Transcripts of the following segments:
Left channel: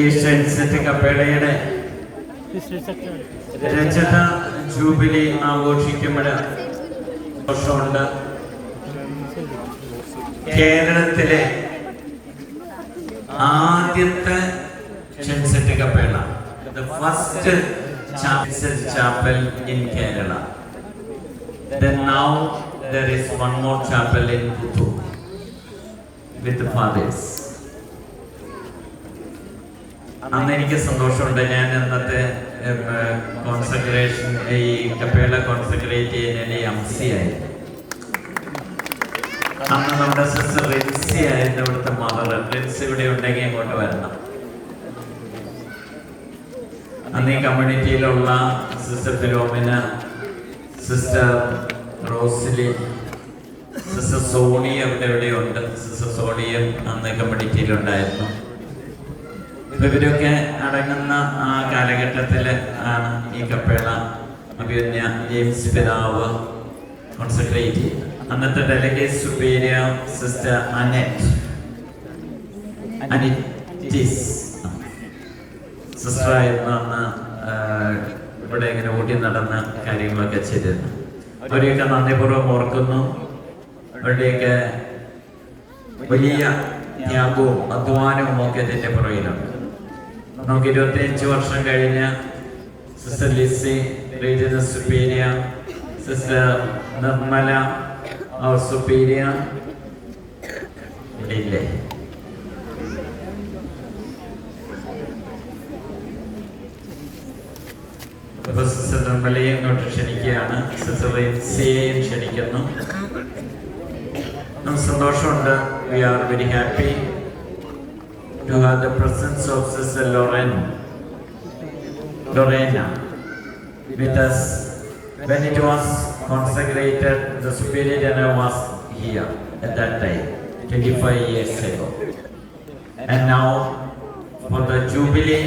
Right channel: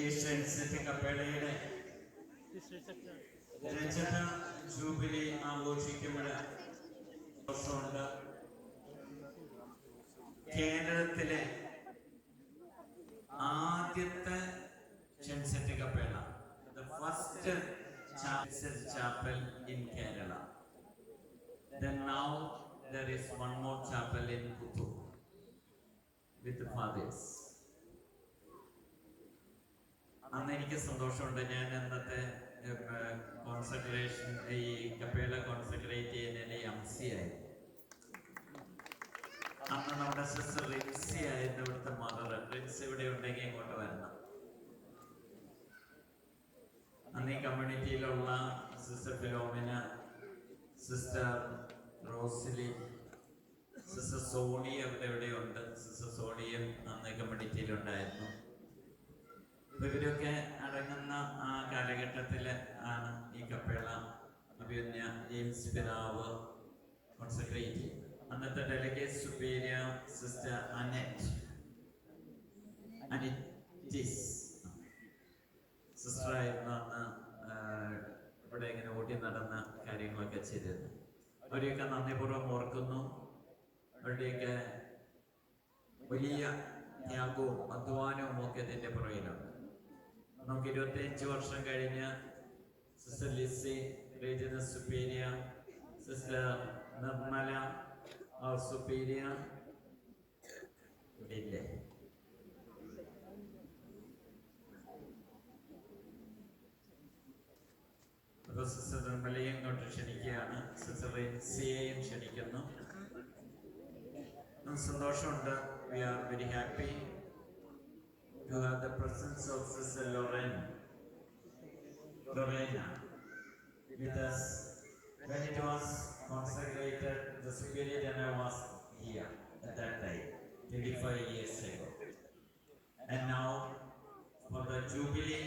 ഈ സെൻസെറ്റ് കപ്പേളയുടെ രജത ജൂബിലി ആഘോഷിക്കുമ്പോൾ വർഷമുണ്ട്. കേരളത്തിലെ ആദ്യത്തെ സെൻസെറ്റ് Kappela, the first chapel in Kerala. Then now there is one more chapel in Puttur with the fathers. അന്ന് എനിക്ക് സന്തോഷമുണ്ട്. ഞാൻ അന്നത്തെ കോൺസെൻട്രേഷൻ ഈ കപ്പേള കോൺസെൻട്രേറ്റ് ചെയ്യുന്നതിന് അംസിയായി. അന്ന് നമ്മുടെ സിസ്റ്റർ റിൻസി ആയിരുന്നു ഇവിടുത്തെ മദർ. റിൻസി ഇവിടെ ഉണ്ടെങ്കിൽ ഇങ്ങോട്ട് വരണം. അന്ന് ഈ കമ്മ്യൂണിറ്റിയിലുള്ള sister Philomena, sister Rosily, sister Sony എവിടെയുണ്ട്. സിസ്റ്റർ സോണിയും അന്ന് കമ്മ്യൂണിറ്റിയിലുണ്ടായിരുന്നു. ഇവരൊക്കെ അടങ്ങുന്ന ആ കാലഘട്ടത്തിൽ ആണ് ഈ കപ്പേള അഭിമന്യ ജെയിംസ് പിതാവ് കോൺസെൻട്രേറ്റ് ചെയ്തത്. അന്നത്തെ ഡെലിഗേറ്റ് സുപ്പീരിയർ സിസ്റ്റർ അനിറ്റീസ് സിസ്റ്ററായിരുന്നു അന്ന് ഇവിടെ ഇങ്ങനെ ഓടി നടന്ന കാര്യങ്ങളൊക്കെ ചെയ്തിരുന്നു. അവരെയൊക്കെ നന്ദിപൂർവ്വം ഓർക്കുന്നു. അവരുടെയൊക്കെ വലിയ ത്യാഗവും അധ്വാനവും ഒക്കെ ഇതിൻ്റെ പുറകിലുണ്ട്. നമുക്ക് 25 വർഷം കഴിഞ്ഞ sister Lissy regional superior, sister Nirmala superior ഇവിടെ ഇല്ലേ? സിസ്റ്റർ നിർമ്മലയെ ഇങ്ങോട്ട് ക്ഷണിക്കുകയാണ്. സിസ്റ്റർ റിൻസിയെയും ക്ഷണിക്കുന്നു. നമുക്ക് സന്തോഷമുണ്ട്. We are very happy to have the presence of Sister Lorena with us. When it was consecrated, the Superior General was here at that time, 25 years ago. And now, for the Jubilee,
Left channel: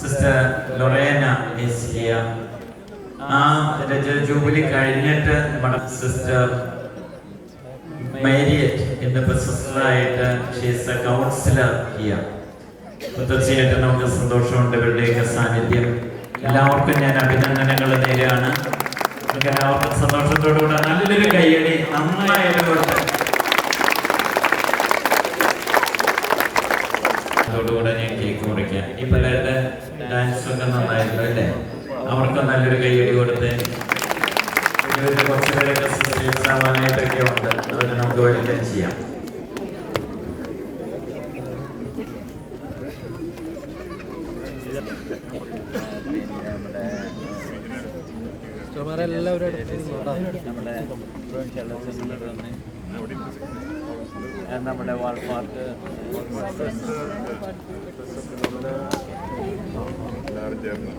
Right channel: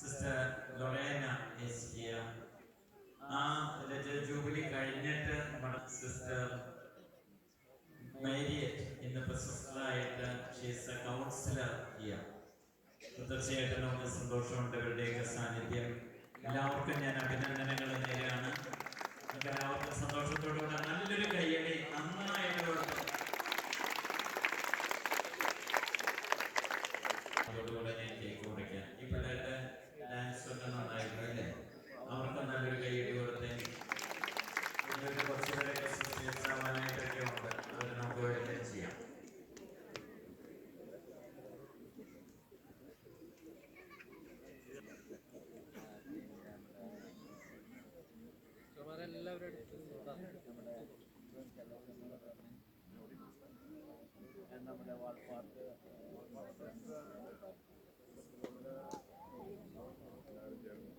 Sister Lorena is here. The Jubilee കഴിഞ്ഞിട്ട് നമ്മുടെ sister Marriott in the sister, she is a counselor here. തീർച്ചയായിട്ടും നമുക്ക് സന്തോഷമുണ്ട് ഇവരുടെയൊക്കെ സാന്നിധ്യം. എല്ലാവർക്കും ഞാൻ അഭിനന്ദനങ്ങൾ നേരെയാണ്. നമുക്ക് എല്ലാവർക്കും സന്തോഷത്തോടുകൂടെ നല്ലൊരു കയ്യടി നന്നായതുകൊണ്ട് അതോടുകൂടെ ഞാൻ കേക്ക് മുറിക്കാം. ഈ പിള്ളേരുടെ ഡാൻസ് ഒക്കെ നന്നായിരുന്നു അല്ലേ? അവർക്ക് നല്ലൊരു കയ്യടി കൊടുത്ത് ഇവരുടെ കുറച്ചുപേരൊക്കെ സിസ്റ്റേഴ്സ് ആവാനായിട്ടൊക്കെ ഉണ്ട്. അതൊക്കെ നമുക്ക് വെൽക്കം ചെയ്യാം. നമ്മുടെ വാൾപ്പാട്ട് എല്ലാവരും ചേർന്ന്